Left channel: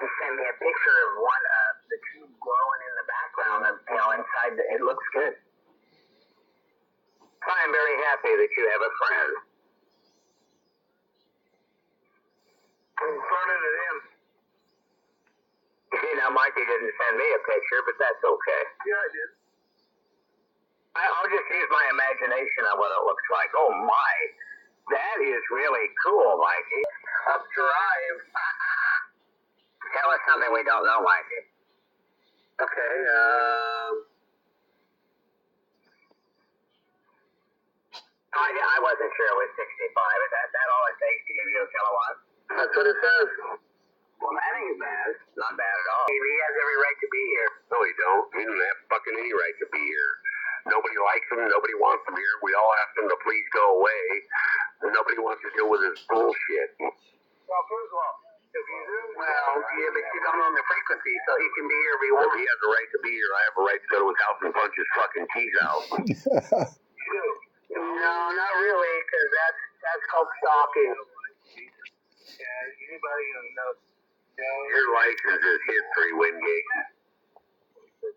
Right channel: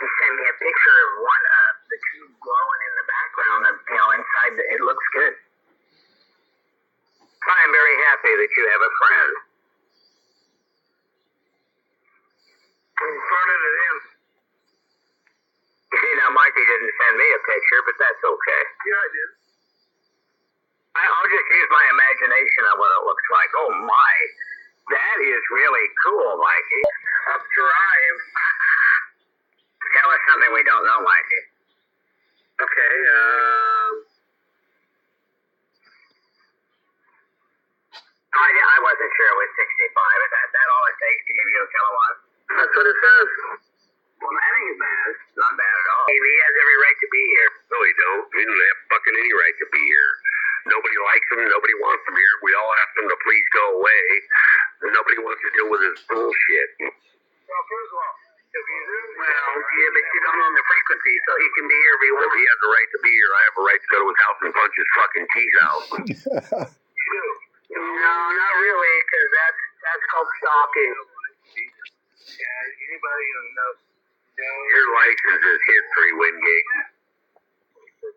He sent me a picture of one of the tube glowing in the background of, inside it looks good. I'm very happy that you have a friend. I'm turning it in. Mikey didn't send me a picture, but that's okay. Yeah, I did. I'll just use my imagination on what it looks like. Oh my, that is really cool, Mikey. Up drive. Tell us something we don't know, Mikey. Okay, I wasn't sure it was 65. Is that all it takes to give you a kilowatt? That's what it says. Well, that ain't bad. Not bad at all. He has every right to be here. No, he don't. He doesn't have fucking any right to be here. Nobody likes him. Nobody wants him here. We all ask him to please go away. And nobody wants to deal with his bullshit. Well, first of all, if he's in well, yeah, but you don't own the frequency, so he can be here if he wants. If he has a right to be here, I have a right to go to his house and punch his fucking teeth out. No, not really, because that's called stalking. Yeah, anybody who knows. Your license is history, Wingate.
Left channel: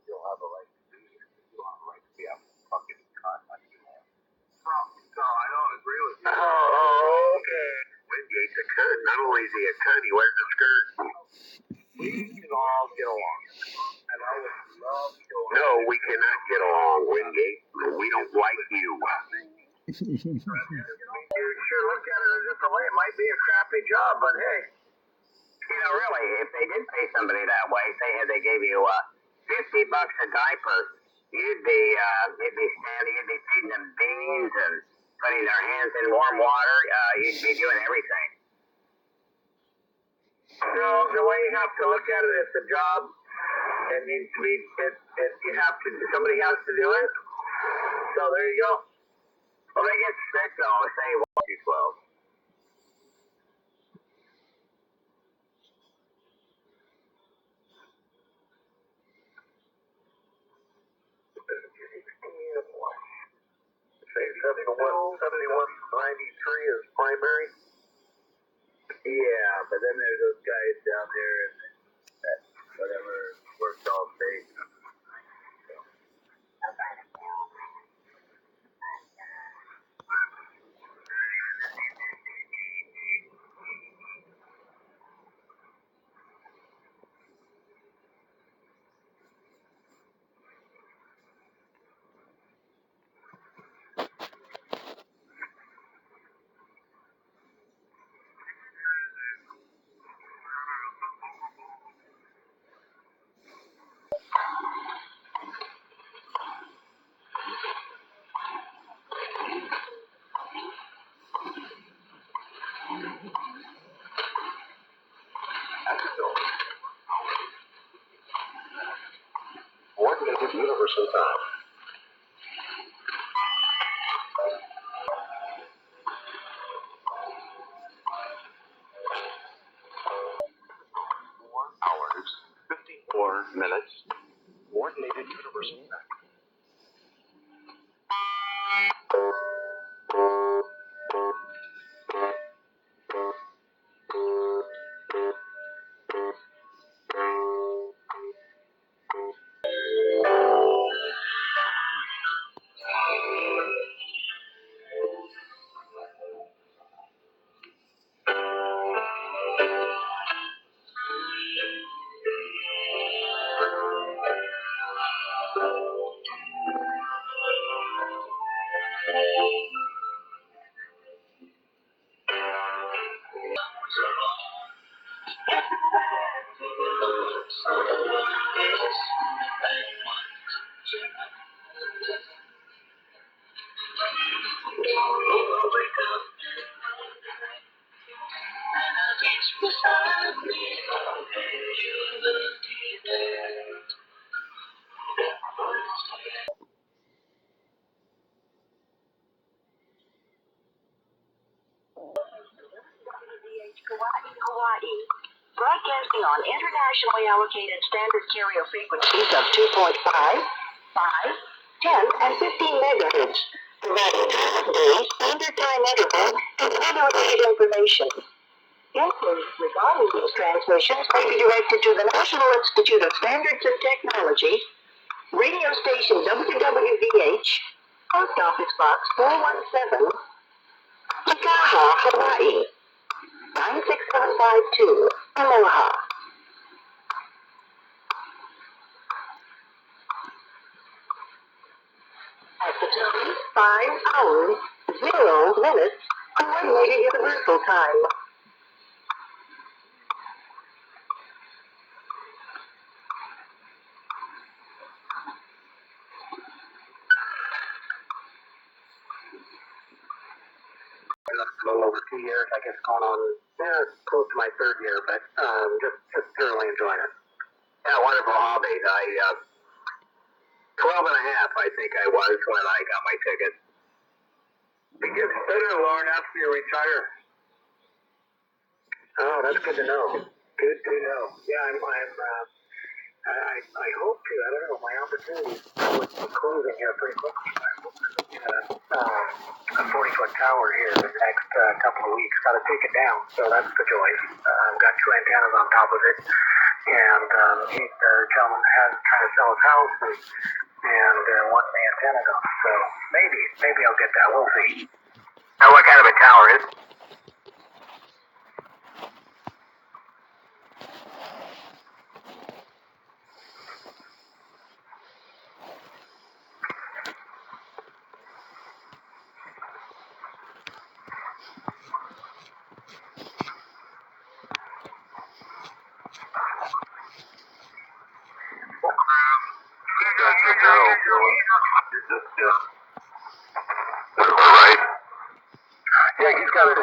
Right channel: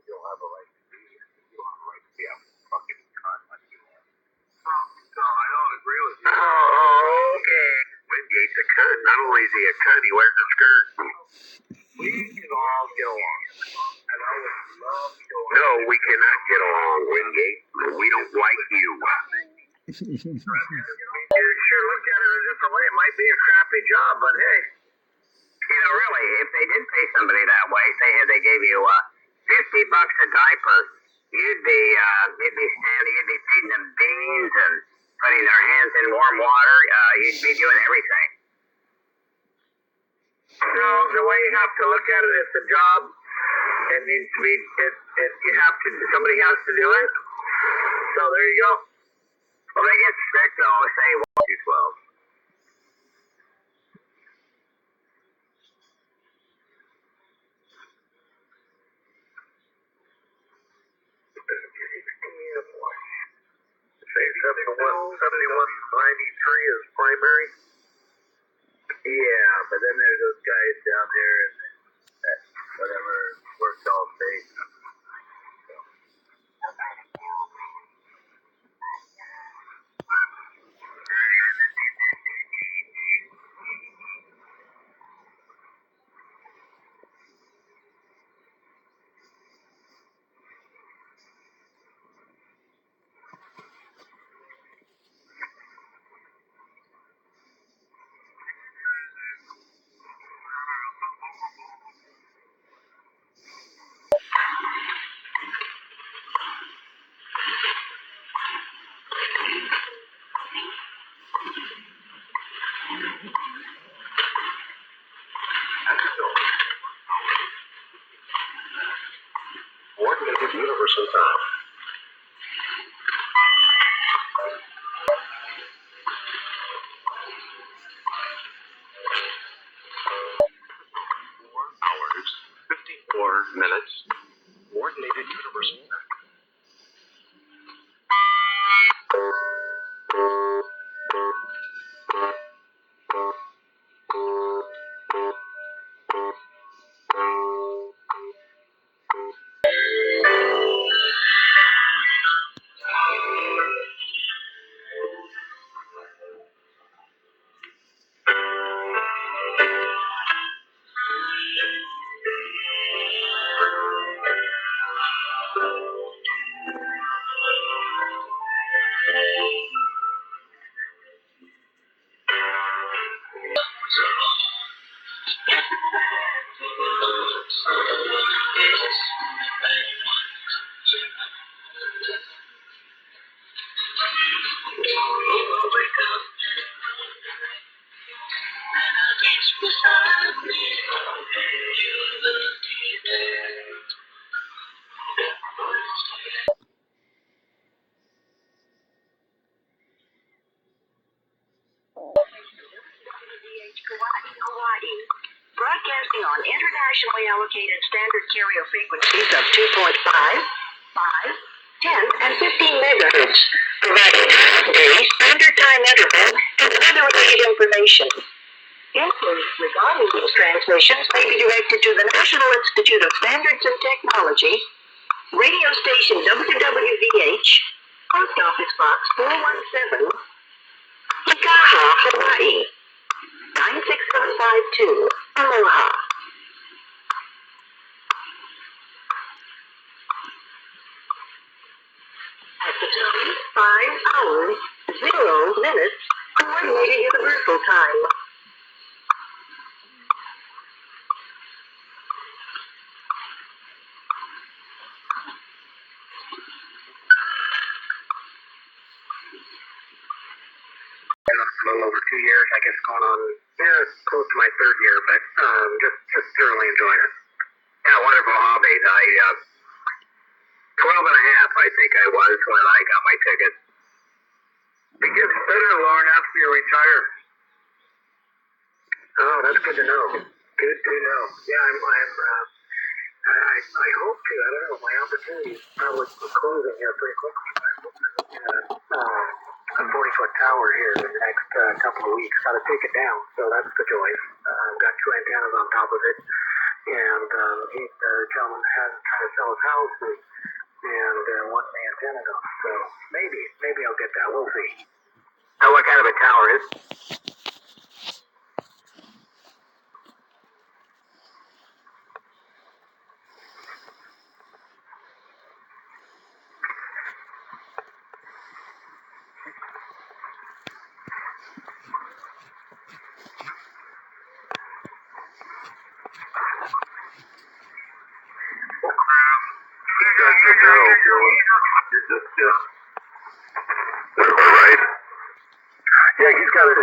You'll have a right to be here. You don't have a right to be out fucking cunt like you are. No, I don't agree with you. Oh, okay. Wingate's a cunt. Not only is he a cunt, he wears a skirt. We can all get along. And I would love to go along. No, we cannot get along, Wingate. We don't like you. You sure looked at it a different way. It might be a crappy job, but hey. Really, if they did pay somebody that way, say they gave you $50 a diaper, you'd be feeding them beans and putting their hands in warm water. You'd be doing everything. So the way you have to look at it, it's a job. It needs to be. Somebody has to do it. So there you go. Well, they get sick though. Say 12. Say 7193 is primary. Yeah, but then there's those guys down there and whatever works all day. Coordinated universal time. Hours, 54 minutes. Coordinated universal time. Hawaii, broadcasting on internationally allocated standard carrier frequencies of 2.5, 5, 10, and 15 megahertz, providing time of day, standard time interval, and other related information. Inquiries regarding these transmissions may be directed to the National Institute of Standards and Technology, radio station WWVH, Post Office Box 417, Kikaha, Hawaii, 96752. Aloha. At the time, 5 hours, 0 minutes, Coordinated Universal Time. A little over 2 years, I guess, going on, close to my third year, but just thoroughly enjoying it. Yeah, wonderful hobby. 12 and a half, I think I was when I got my ticket. It gets better long after you retire. Oh, that's good to know. Good to know. Yeah, I hope to. I don't know. My opportunities probably closing here pretty quickly. I'm looking at a 40-foot tower here in the next couple of weeks. Got to take it down, so that's the joy. I've got 2 antennas on top of it, and the gentleman has trying to sell his house and wanting the antenna gone. So maybe I'll get that. We'll see. Now, what kind of a tower is? Right. Yeah, he's got a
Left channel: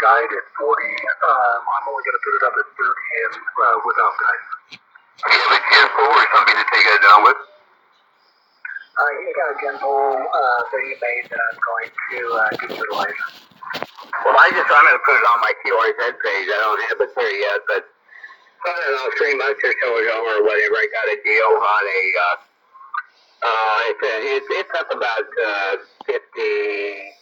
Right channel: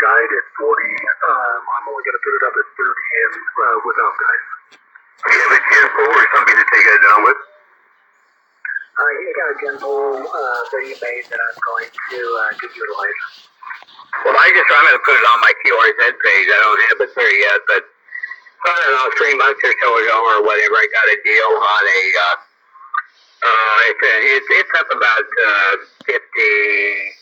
guide at 40. I'm only going to put it up at 30 and without guide. Do you have a gym pole or something to take it down with? He's got a gem pole that he made that I'm going to utilize. Well, I'm going to put it on my QRZ page. I don't have it there yet, but I don't know, 3 months or so ago or whatever, I got a deal on it's up about 58,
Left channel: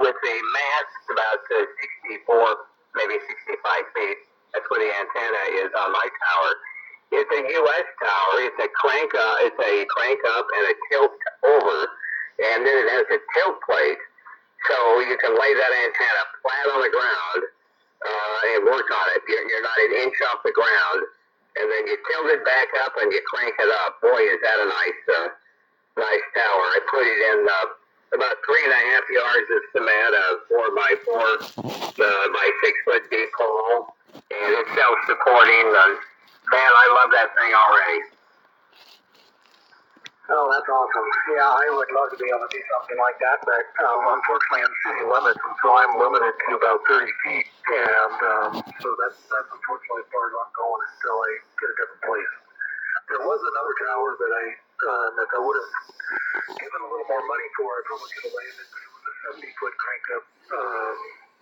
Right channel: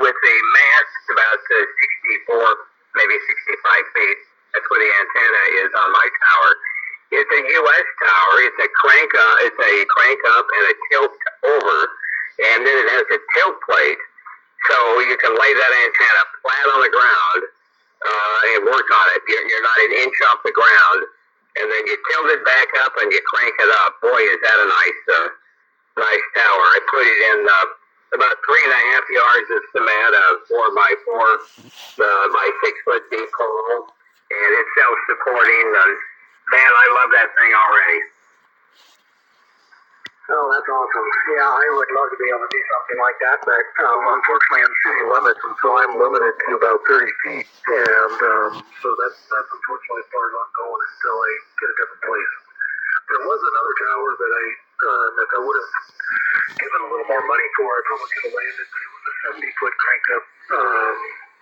with the mast about 64, maybe 65 feet. That's where the antenna is on my tower. It's a U.S. tower. It's a crank up and a tilt over, and then it has a tilt plate, so you can lay that antenna flat on the ground and work on it. You're not an inch off the ground, and then you tilt it back up and you crank it up. Boy, is that a nice tower. I put it in about 3.5 yards of cement, a 4x4 by 6 foot deep hole, and it's self-supporting. And man, I love that thing already. Oh, that's awesome. Yeah, I would love to be able to do something like that, but unfortunately I'm city limits, and so I'm limited to about 30 feet, and so that's unfortunately as far as I'm going until I get a different place. There was another tower that I would have given a little more money for. I probably could have landed, but it was a 70-foot crank up,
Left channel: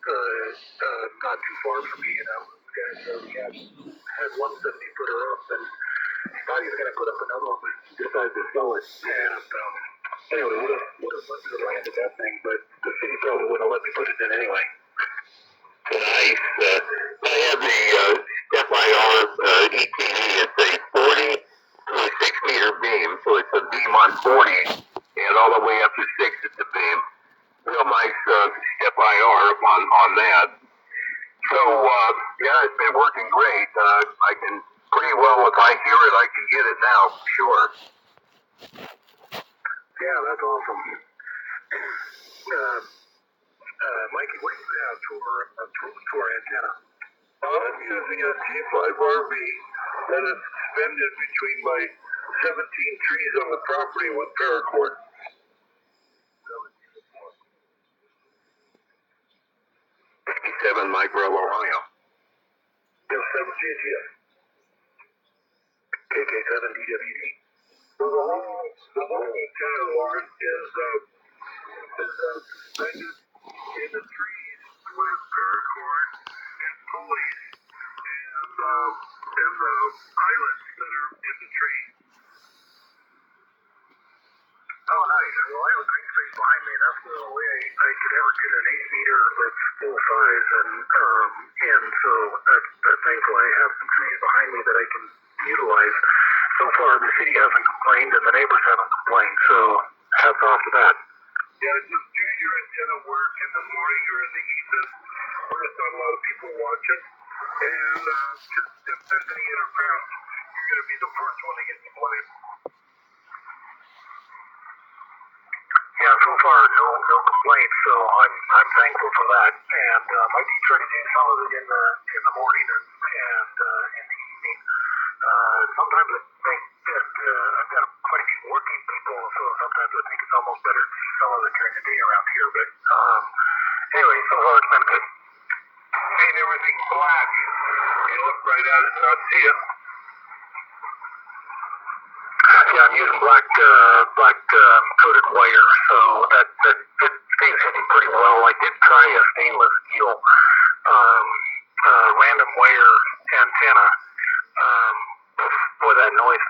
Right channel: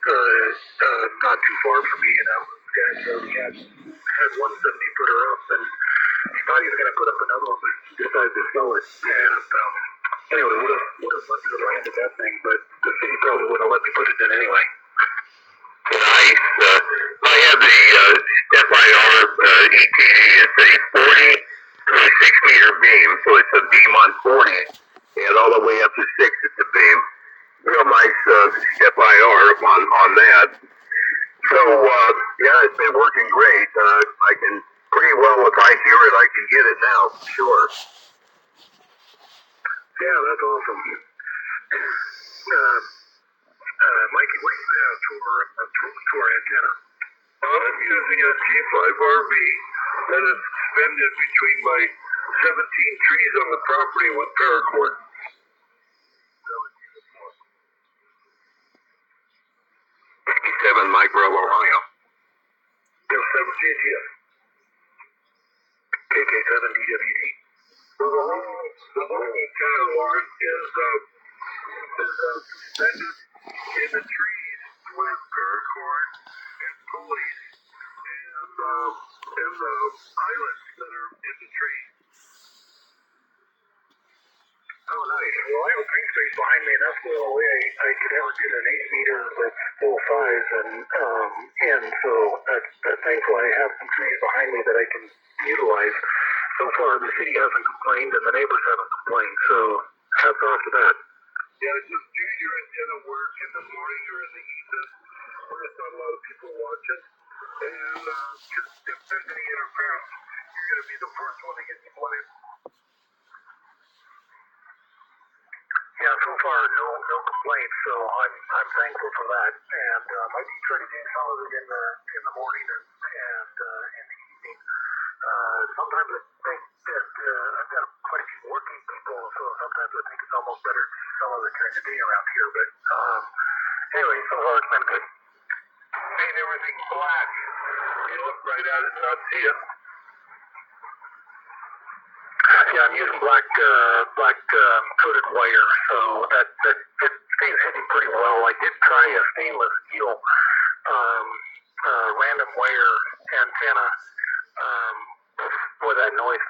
not too far from me, and I was had one 70-footer up, and he thought he was going to put up another one, but decided to sell it. And anyway, would have let me land at that thing, but the city probably wouldn't have let me put it in anyway. Nice. I have the Step-IR ETG. It's a 40 to 6 meter beam, so it's a beam on 40, and all the way up to 6 it's a beam. Real nice Step-IR on that. So, yeah, it's been working great. I can pretty well, if I hear it, I can get it now, for sure. Yeah, that's awesome. Mikey, what do you have to our antenna? I'm using a T5RV that is suspended between my 17 trees on the property with paracord. 57 micro Ohio. Yes, 17, yes. KK7 DWD. The long antenna, Lauren, is suspended in the trees with paracord and pulleys and the pilots that are in the tree. Oh, nice. Well, I have a green space behind me, and that's the only way I could ever get an 8 meter that's full size, and so that's thankful I have some trees behind me that I can utilize. So far, the city hasn't complained, and the neighbors haven't complained, so hats off to that. Yeah, just do your antenna work in the morning or in the evening when there's not a lot of people watching. And just if there's any interference, you're going to be the first one to get the blame. Yeah, so far no complaints, so I'm thankful for that, and I do try to do some of it in the morning and in the evening. Sometimes I think that I've got quite a few working people, so sometimes I think it's almost better to do some of it during the day around here. But anyway, so far it's been good. Paint everything black. You look right at it and not see it. Yeah, I'm using black coated wire, so that it stays hidden pretty well. I did try a stainless steel random wire antenna. Boy, that noise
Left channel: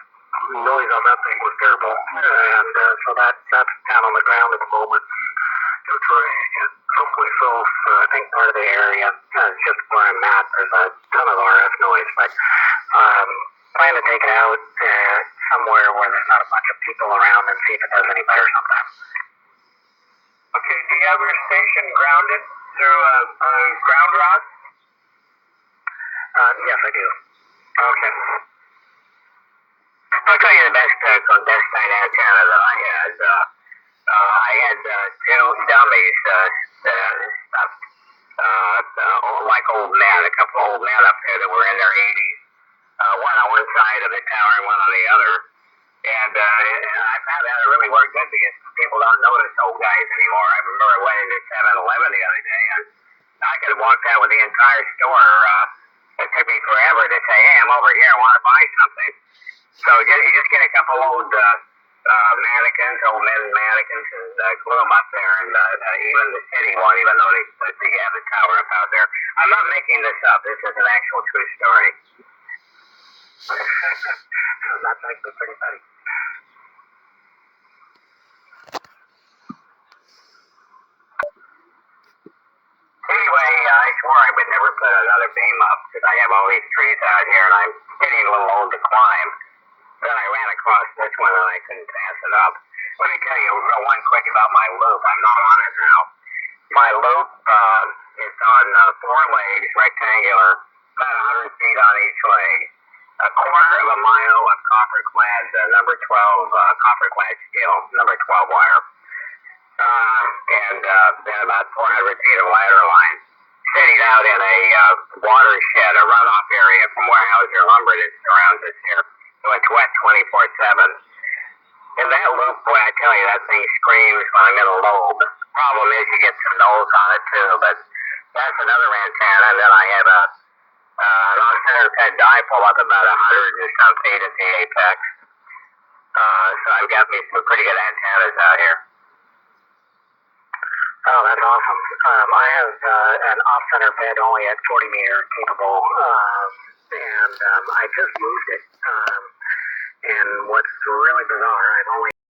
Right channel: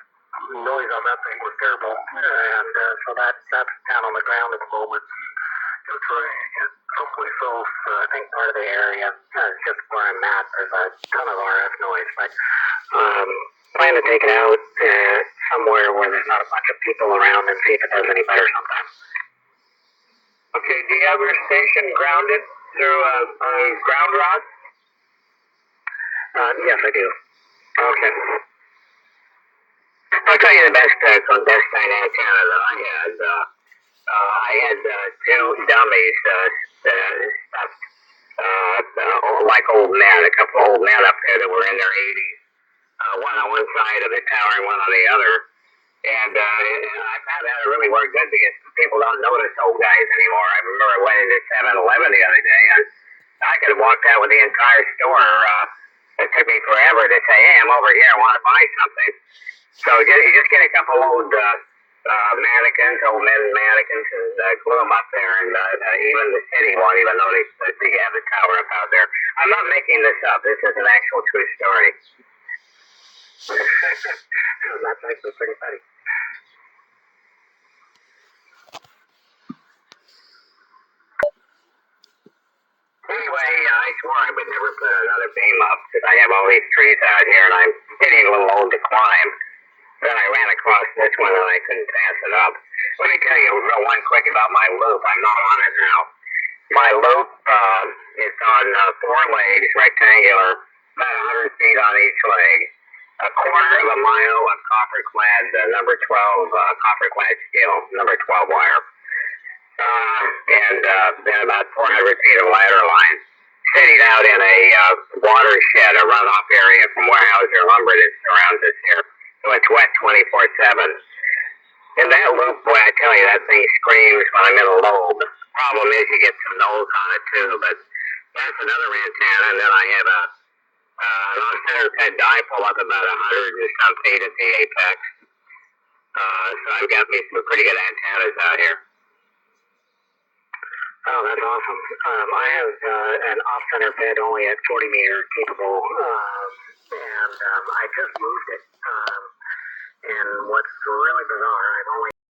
on that thing was terrible, and so that's down on the ground at the moment. Gonna try it someplace else. I think part of the area, just where I'm at, there's a ton of RF noise, but plan to take it out somewhere where there's not a bunch of people around and see if it does any better sometime. Okay, do you have your station grounded through a ground rod? Yes, I do. Okay. I'll tell you the best clandestine antenna that I had. I had two dummies stuffed, like old men, a couple old men up there that were in their 80s. One on one side of the tower and one on the other. And I found that it really worked good because people don't notice old guys anymore. I remember I went into 7-Eleven the other day and I could have walked out with the entire store. It took me forever to say, hey, I'm over here, I want to buy something. So you just get a couple old mannequins, old men mannequins, and glue them up there, and even the city won't even notice that you have the tower up out there. I'm not making this up. This is an actual true story. That's actually pretty funny. Anyway, I swore I would never put another beam up because I have all these trees out here and I'm getting a little old to climb. Then I ran across this one and I couldn't pass it up. Let me tell you real one quick about my loop. I'm not on it now. My loop is on 4 legs, rectangular, about 100 feet on each leg. A quarter of a mile of copper-clad number 12 copper-clad steel, number 12 wire. And then about 400 feet of ladder line sitting out in a watershed, a runoff area from Weyerhaeuser lumber that surrounds us here. So it's wet 24/7. In that loop, boy, I tell you, that thing screams when I'm in a lobe. The problem is you get some nulls on it too, but that's another antenna. And then I have an off-center fed dipole up about 100 and some feet at the apex. So I've got me some pretty good antennas out here. Oh, that's awesome. I have an off-center fed only at 40 meter capable, and I just moved it. And what's really bizarre, I've only